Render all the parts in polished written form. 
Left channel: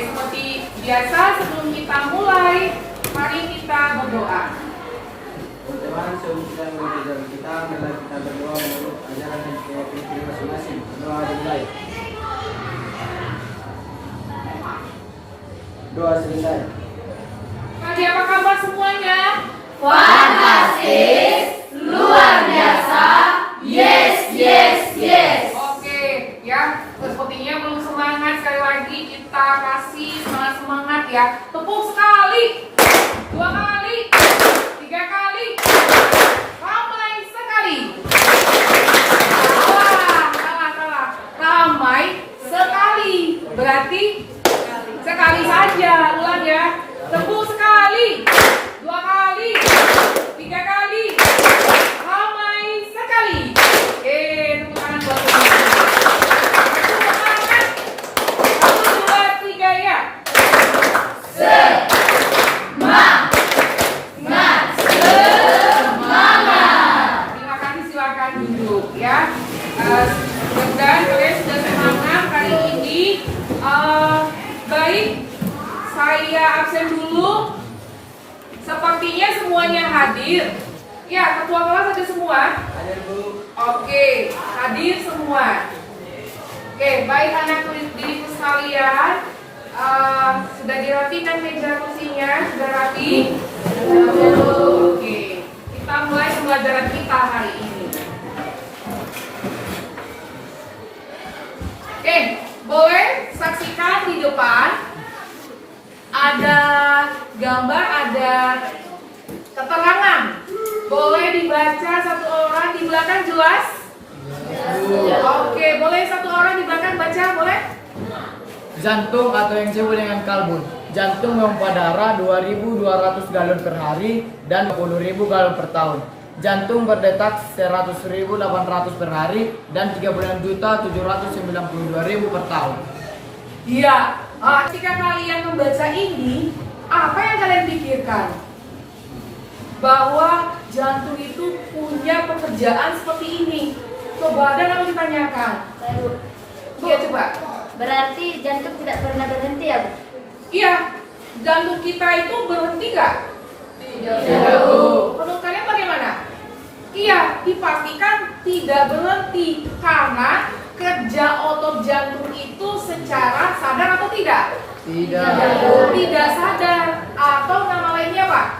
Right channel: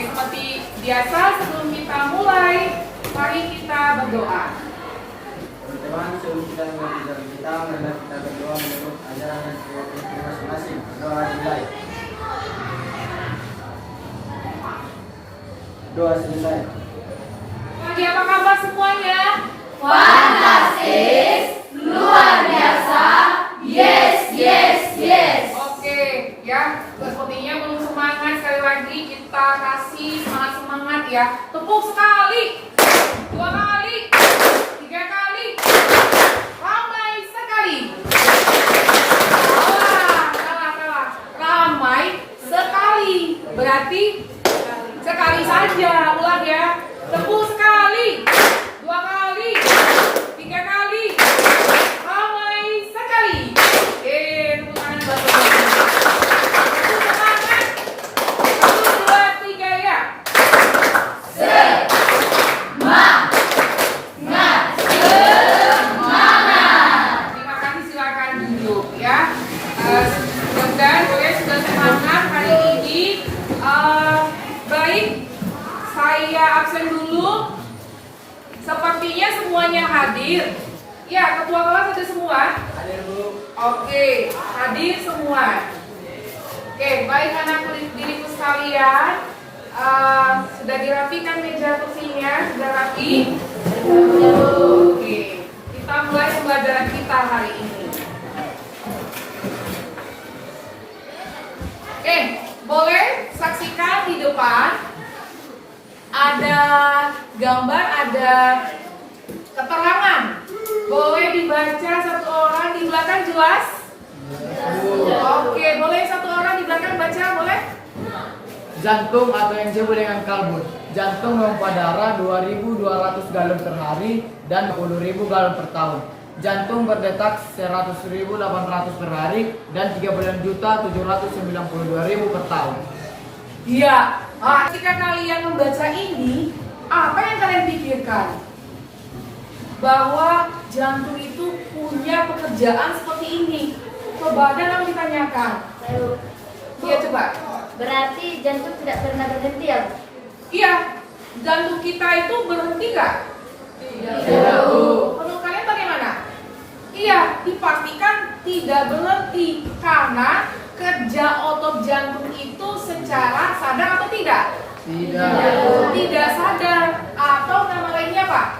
seperti biasa sebelum kita mulai, mari kita berdoa. Tuhan, sebelum kita mulai jalan kita, marilah kita berdoa menurut ajaran dan keyakinan masing-masing. Doa dimulai. Doa selesai. Pagi, apa kabar semuanya? Fantastis, luar biasa, yes, yes, yes. Oke, ya, sepertinya belum semangat. Sekali lagi kita kasih semangat ya. Tepuk sekali, 2 kali, 3 kali, ramai sekali. Salah. Ramai sekali. Berarti sekali saja. Ulang ya. Tepuk sekali, 2 kali, 3 kali, ramai sekali. Tepuk tangan buat teman-teman. Tepuk semangat. 1, 2, 3 ya. Terima kasih, silakan duduk ya. Mudah-mudahan kalian sudah semangat hari ini. Baik, saya absen dulu. Sepertinya semuanya hadir. Ya, ketua kelas ada semua. Oke, hadir semua. Oke, baik anak didikku sekalian. Sudah dirapikan meja kursinya, sudah rapi. Oke, kita mulai pembelajaran kita hari ini. Oke, boleh saksikan di depan. Ada gambar, ada keterangan. Boleh dibaca satu orang di belakang, jelas? Oke, boleh satu orang di belakang baca, boleh? Jantung atau yang disebut dengan kalbun. Jantung memompa darah 2.200 galon per hari dan 10.000 galon per tahun. Jantung berdetak 100.800 per hari dan 39.792.000 per tahun. Iya. Ketika kalian membaca ini, apa yang kalian pikirkan? Bahwa jantung itu punya pekerjaan seperti ini. Coba ada yang ditanyakan. Iya, coba. Berarti jantung tidak pernah berhenti ya, Bu? Iya, jantung kita itu berhenti nggak? Tidak. Menurut kalian bagaimana? Iya, dipastikan tidak berhenti karena kerja otot jantung itu secara sadar atau tidak? Tidak sadar. Atau nama lainnya apa?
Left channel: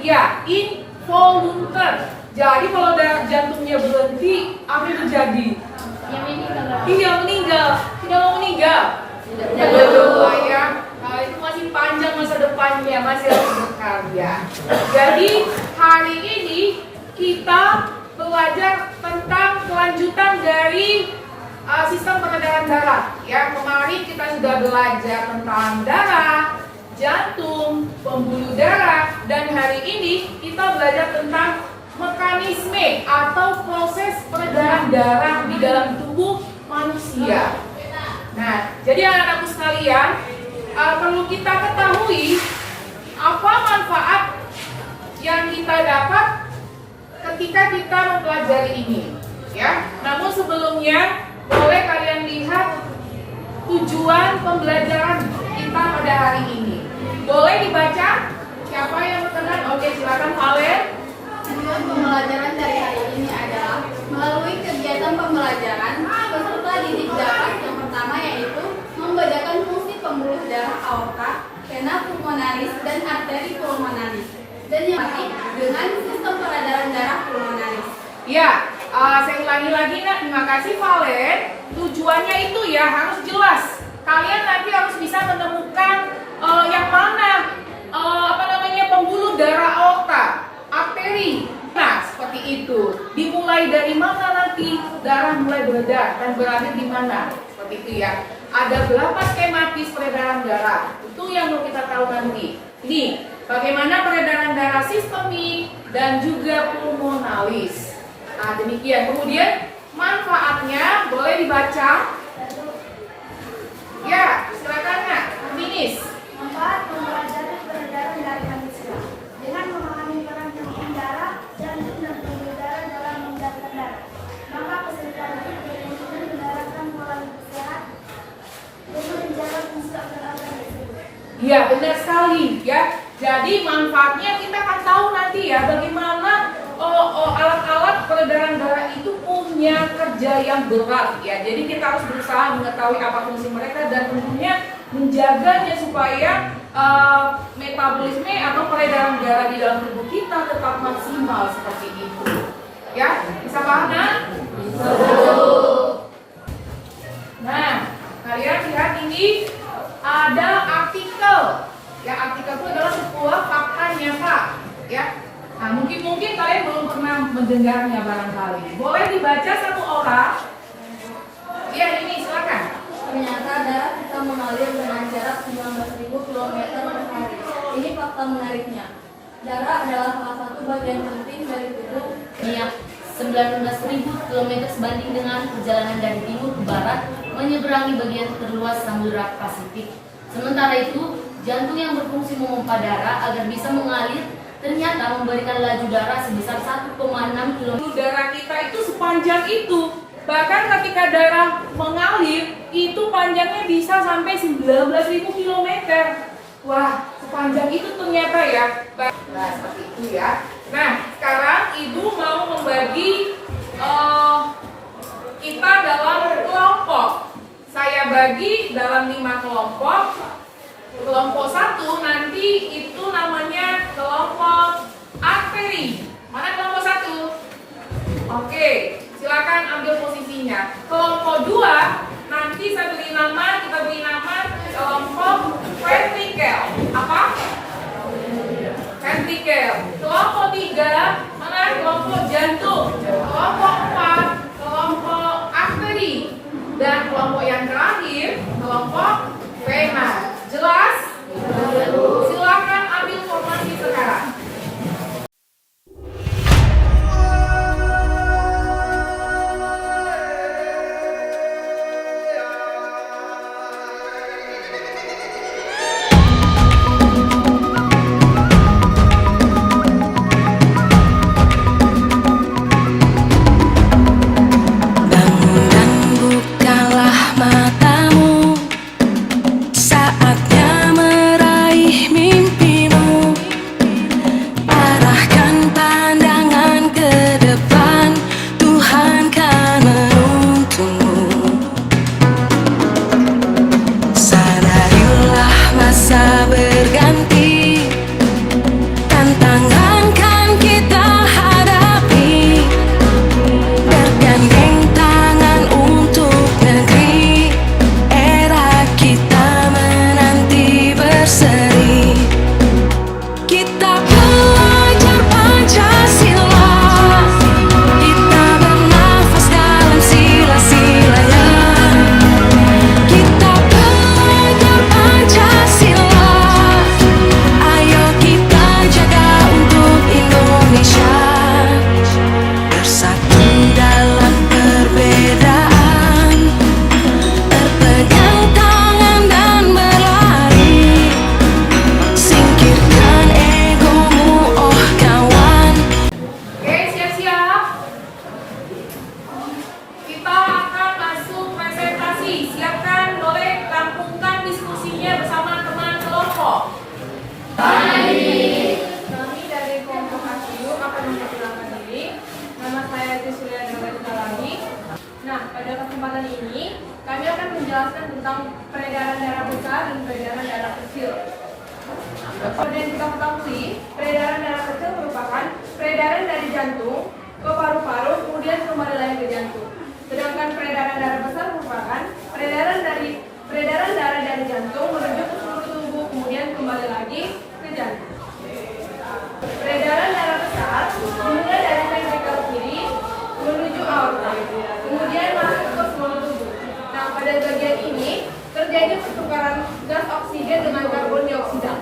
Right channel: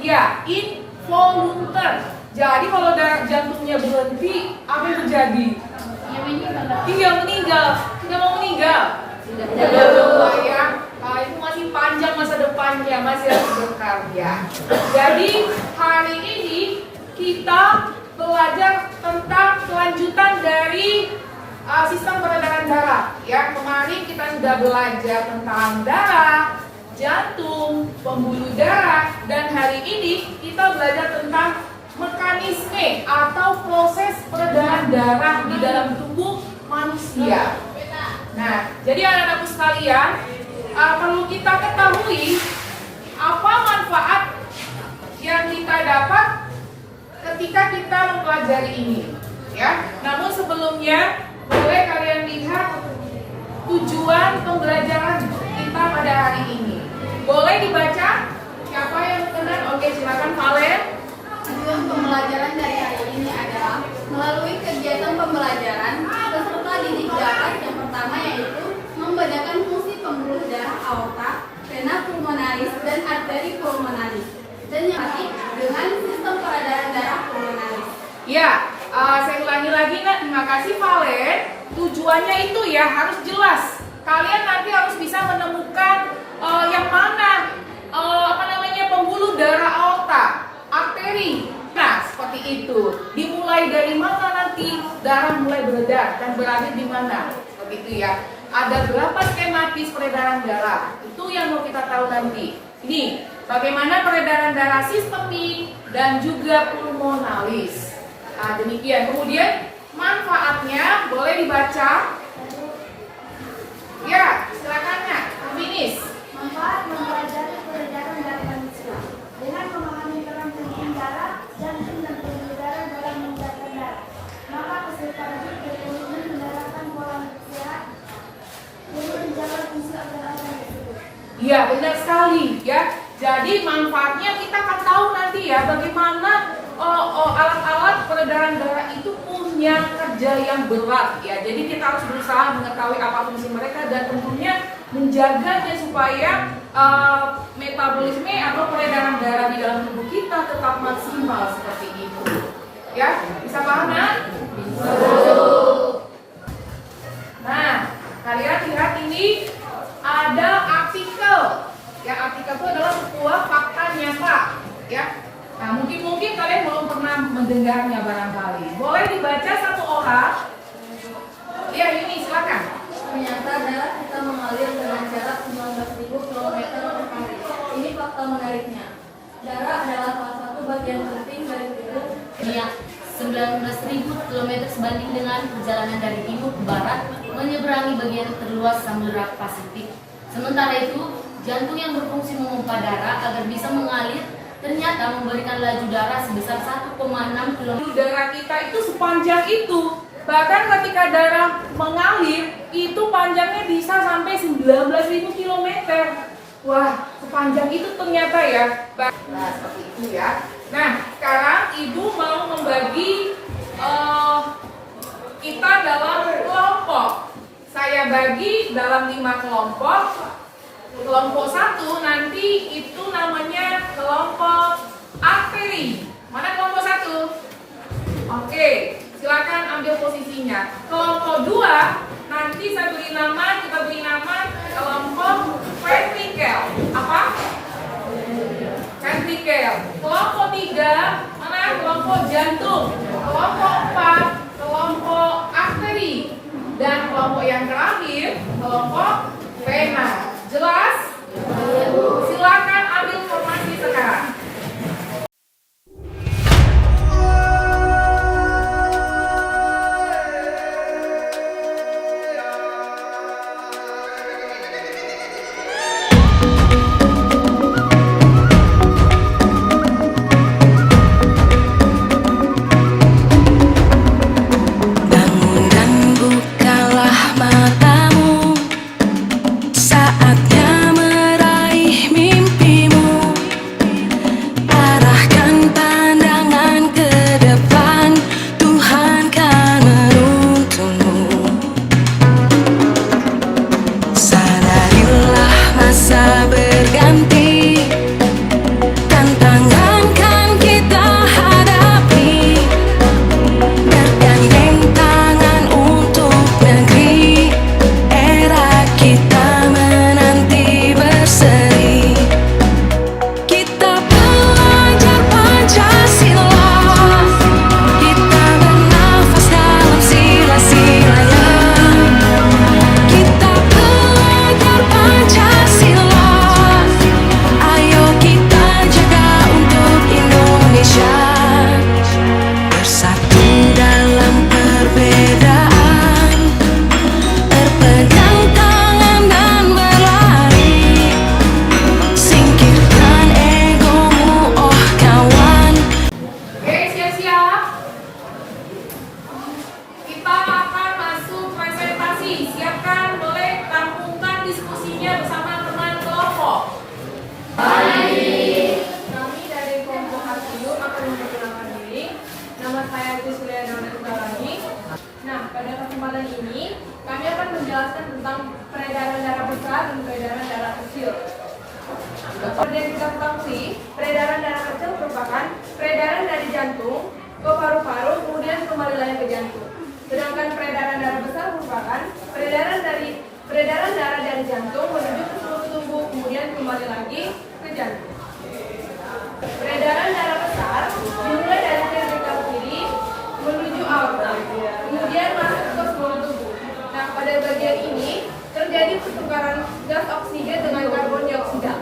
Iya, involuntar. Jadi kalau jantungnya berhenti, apa yang terjadi? Iya, meninggal. Tidak mau meninggal. Tidak. Ya, itu masih panjang masa depannya, masih harus bekerja. Jadi hari ini kita belajar tentang kelanjutan dari sistem peredaran darah. Ya, kemarin kita sudah belajar tentang darah, jantung, pembuluh darah, dan hari ini kita belajar tentang mekanisme atau proses peredaran darah di dalam tubuh manusia. Nah, jadi anak-anakku sekalian, perlu kita ketahui apa manfaat yang kita dapat ketika kita mempelajari ini, ya. Namun sebelumnya boleh kalian lihat tujuan pembelajaran kita pada hari ini. Boleh dibaca? Siapa yang berkenan? Oke, silakan Valen. Tujuan pembelajaran dari hari ini adalah melalui kegiatan pembelajaran peserta didik dapat yang pertama yaitu membedakan fungsi pembuluh darah aorta, vena pulmonaris dan arteri pulmonaris, dan yang dengan sistem peredaran darah pulmonaris. Ya, saya ulangi lagi, nah, terima kasih Valen. Tujuannya itu ya harus jelas. Kalian nanti harus bisa menemukan yang mana pembuluh darah aorta, arteri. Nah, seperti itu. Dimulai dari mana nanti darah mulai beredar dan berakhir di mana? Seperti itu ya. Ada berapa skematis peredaran darah? Itu yang mau kita tahu nanti. Ini bagaimana peredaran darah sistemik dan juga pulmonalis. Nah, demikian. Kemudian manfaatnya boleh dibaca. Ya, silakan Nak. Finish. Manfaat mempelajari peredaran darah manusia dengan memahami peran penting darah, jantung dan pembuluh darah dalam mengedarkan darah. Maka peserta didik berilmu menerapkan pola hidup sehat Iya, benar sekali ya. Jadi manfaatnya kita akan tahu nanti ya bagaimana alat-alat peredaran darah itu punya kerja yang berat ya. Jadi kita harus berusaha mengetahui apa fungsi mereka dan tentunya menjaganya supaya metabolisme atau peredaran darah di dalam tubuh kita tetap maksimal seperti itu. Ya, bisa paham kan? Nah, kalian lihat ini ada artikel. Ya, artikel itu adalah sebuah fakta nyata. Ya, nah mungkin kalian belum pernah mendengarnya barangkali. Boleh dibaca satu orang? Ya, ini silakan. Ternyata darah kita mengalir dengan jarak 19.000 km per hari. Ini fakta menariknya. Darah adalah salah satu bagian penting dari tubuh. 19.000 km sebanding dengan perjalanan dari timur ke barat menyeberangi bagian terluas Samudra Pasifik. Sementara itu, jantung yang berfungsi memompa darah agar bisa mengalir ternyata memberikan laju darah sebesar 1,6 km. Darah kita itu sepanjang itu. Bahkan ketika darah mengalir, itu panjangnya bisa sampai 19.000 km. Wah, sepanjang itu ternyata ya. Nah, seperti itu ya. Nah, sekarang ibu mau membagi kita dalam kelompok. Saya bagi dalam 5 kelompok. Kelompok 1 nanti itu namanya kelompok arteri. Mana kelompok 1? Oke, silakan ambil posisinya. Kelompok 2 nanti saya beri nama, kita beri nama kelompok ventrikel. Apa? Ventrikel. Kelompok 3 mana? Kelompok jantung. Kelompok 4 kelompok arteri. Dan kelompok yang terakhir kelompok vena. Jelas? Silakan ambil formasi sekarang. Bangun dan bukalah matamu, saatnya meraih mimpimu. Arahkan pandangan ke depan, Tuhan kan menuntunmu. Sadarilah masa berganti, tantangan kan kita hadapi. Bergandeng tangan untuk negeri, era kita menanti berseri. Kita belajar Pancasila, kita bernafas dalam sila-silanya. Kita belajar Pancasila, ayo kita jaga untuk Indonesia. Bersatu dalam perbedaan, berpegang tangan dan berlari. Singkirkan egomu, oh kawan. Oke, siap-siap. Kita akan masuk presentasi. Siapkan, boleh rampungkan diskusinya bersama teman kelompok. Kami dari kelompok Asium akan memperkenalkan diri. Nama saya Tisulia Daulatugalangi. Nah, pada kesempatan ini kami akan menjelaskan tentang peredaran darah besar dan peredaran darah kecil. Seperti yang kita ketahui, peredaran darah kecil merupakan peredaran dari jantung ke paru-paru kemudian kembali lagi ke jantung. Sedangkan peredaran darah besar merupakan peredaran darah dari jantung menuju ke seluruh tubuh kemudian kembali lagi ke jantung. Peredaran darah besar dimulai dari ventrikel kiri menuju aorta, kemudian masuk ke seluruh tubuh. Nah, pada bagian ini terjadi pertukaran gas oksigen dengan karbon dioksida.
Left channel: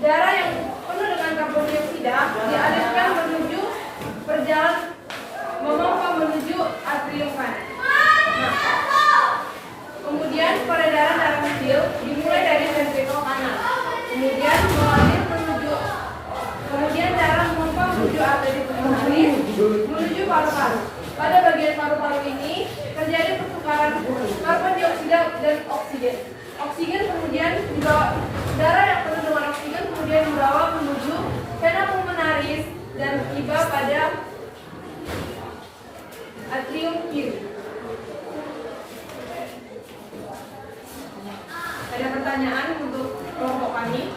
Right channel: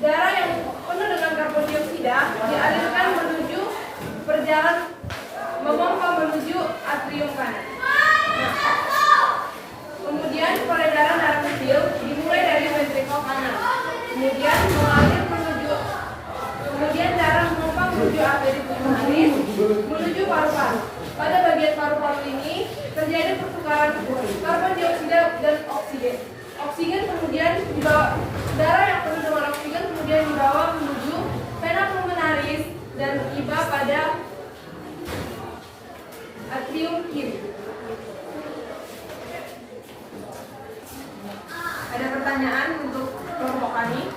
Darah yang penuh dengan karbon dioksida dialirkan menuju perjalanan memompa menuju atrium kanan. Nah, kemudian peredaran darah kecil dimulai dari ventrikel kanan, kemudian mengalir kemudian darah memompa menuju arteri pulmonaris menuju paru-paru. Pada bagian paru-paru ini terjadi pertukaran karbon dioksida dan oksigen. Oksigen kemudian juga darah yang juga pada atrium kiri. Ada pertanyaan untuk kelompok kami?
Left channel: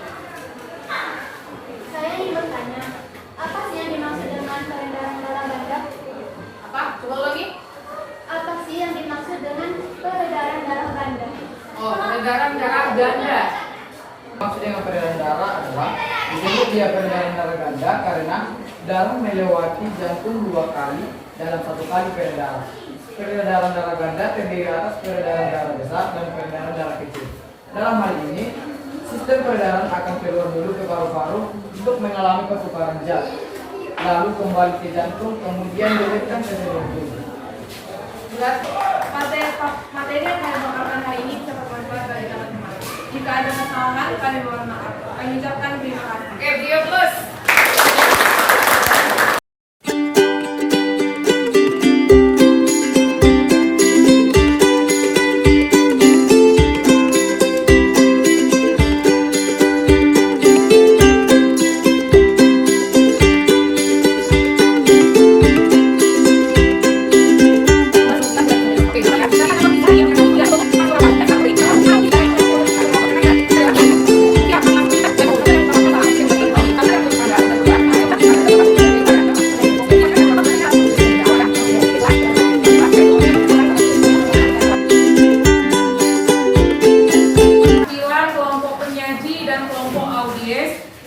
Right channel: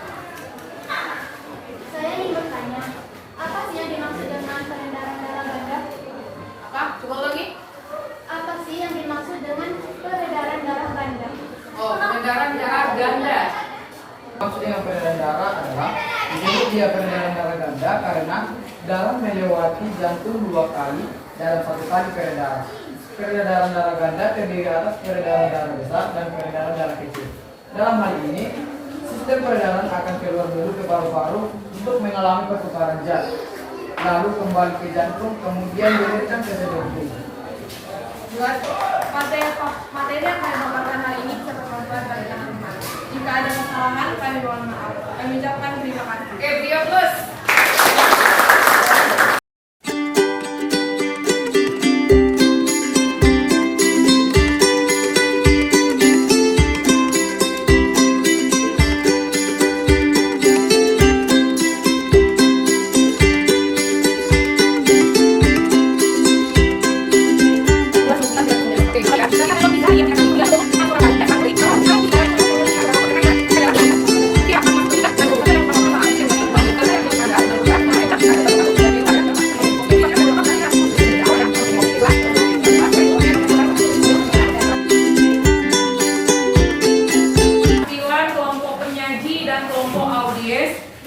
Saya ingin bertanya, apa sih yang dimaksud dengan peredaran darah ganda? Apa? Coba lagi. Apa sih yang dimaksud dengan peredaran darah ganda? Oh, peredaran darah ganda. Maksud dengan peredaran darah adalah disebut dia peredaran darah ganda karena darah melewati jantung 2 kali dalam 1 kali peredaran. Peredaran darah ganda terdiri atas peredaran darah besar dan peredaran darah kecil. Dalam hal ini, sistem peredaran akan keluar dulu ke paru-paru untuk mengalami pertukaran zat, lalu kembali ke jantung, kemudian diletang ke jantung. Buat materi yang kami paparkan hari ini bisa bermanfaat bagi teman-teman. Jika ada kesalahan, kami mohon maaf. Kami ucapkan terima kasih. Oke, dia plus.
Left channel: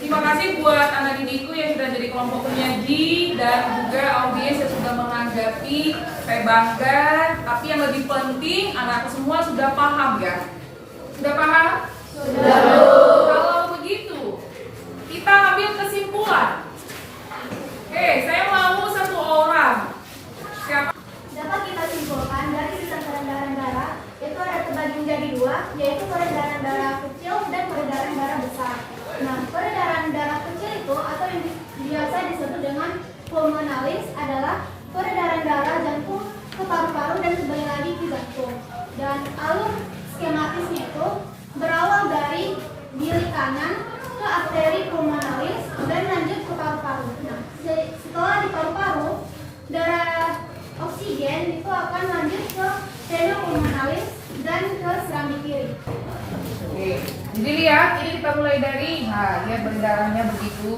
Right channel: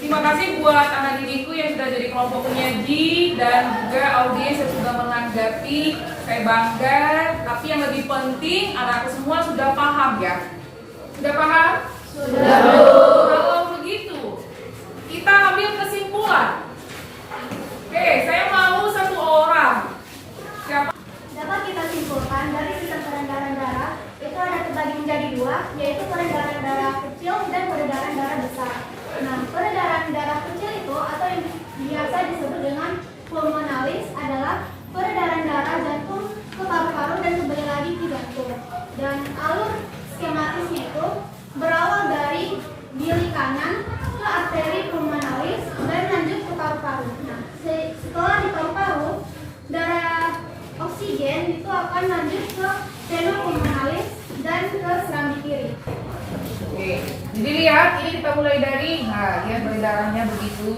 Terima kasih buat anak didikku yang sudah jadi kelompok penyaji dan juga audiens yang sudah menanggapi. Saya bangga, tapi yang lebih penting anakku semua sudah paham ya. Sudah paham? Sudah. Kalau begitu, kita ambil kesimpulan. Oke, saya mau 1 orang. Siapa? Dapat kita simpulkan dari sistem peredaran darah itu ada terbagi menjadi 2, yaitu peredaran darah kecil dan peredaran darah besar. Nah, peredaran darah kecil itu atau yang biasa disebut dengan pulmonalis adalah peredaran darah jantung ke paru-paru dan kembali lagi ke jantung. Dan alur skematisnya itu berawal dari bilik kanan ke arteri pulmonalis dan lanjut ke paru-paru. Nah, setelah di paru-paru, darah oksigen itu akan lanjut ke seno pulmonalis dan ke serambi kiri. Oke, jadi lihat ini kita mulai dari, nah lihat darahnya begitu.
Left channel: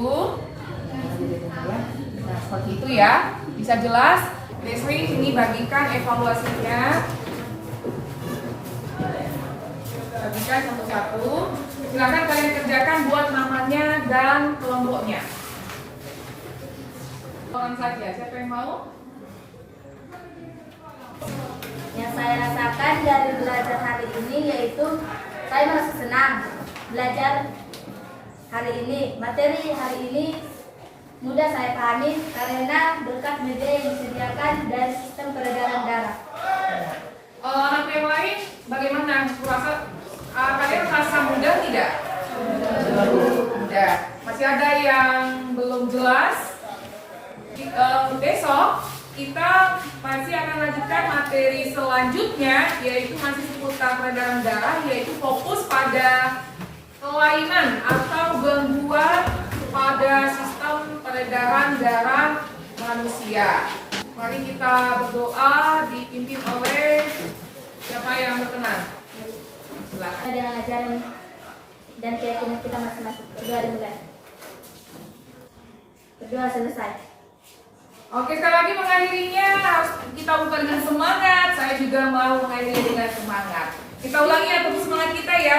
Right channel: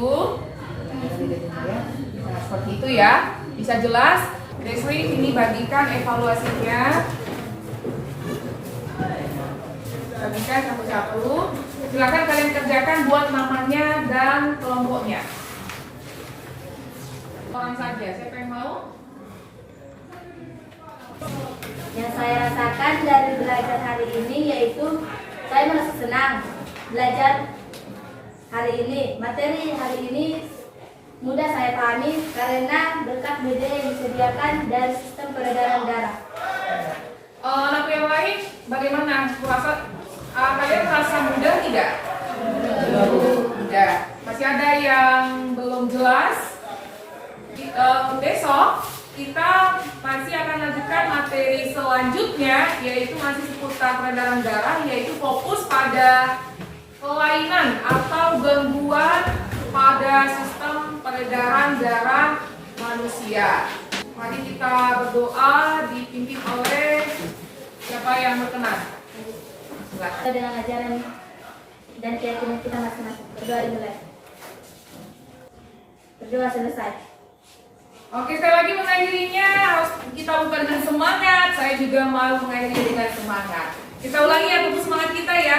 Nah seperti itu ya, bisa jelas. Desri ini bagikan evaluasinya. Bagikan satu-satu. Silakan kalian kerjakan buat namanya dan kelompoknya. Orang saja, siapa yang mau? Yang saya rasakan dari belajar hari ini yaitu saya merasa senang belajar hari ini. Materi hari ini mudah saya pahami karena berkat media yang disediakan dari sistem peredaran darah. Anak yang lain bagaimana? Kalian merasa mudah tidak? Mudah. Masih ada yang belum jelas? Besok kita masih akan lanjutkan materi selanjutnya, yaitu masih seputar peredaran darah, yaitu fokus pada kelainan atau gangguan pada sistem peredaran darah manusia. Mari kita berdoa dipimpin oleh siapa yang berkenan. Silakan. Dengan ajaran dan keyakinan kita masing-masing. Berdoa dimulai. Berdoa selesai. Oke, sekali lagi mengakhirinya harus kita buka dengan semangat. Saya juga mau mengakhiri dengan semangat. Kita ulangi ya, tepuk semangat kita ya.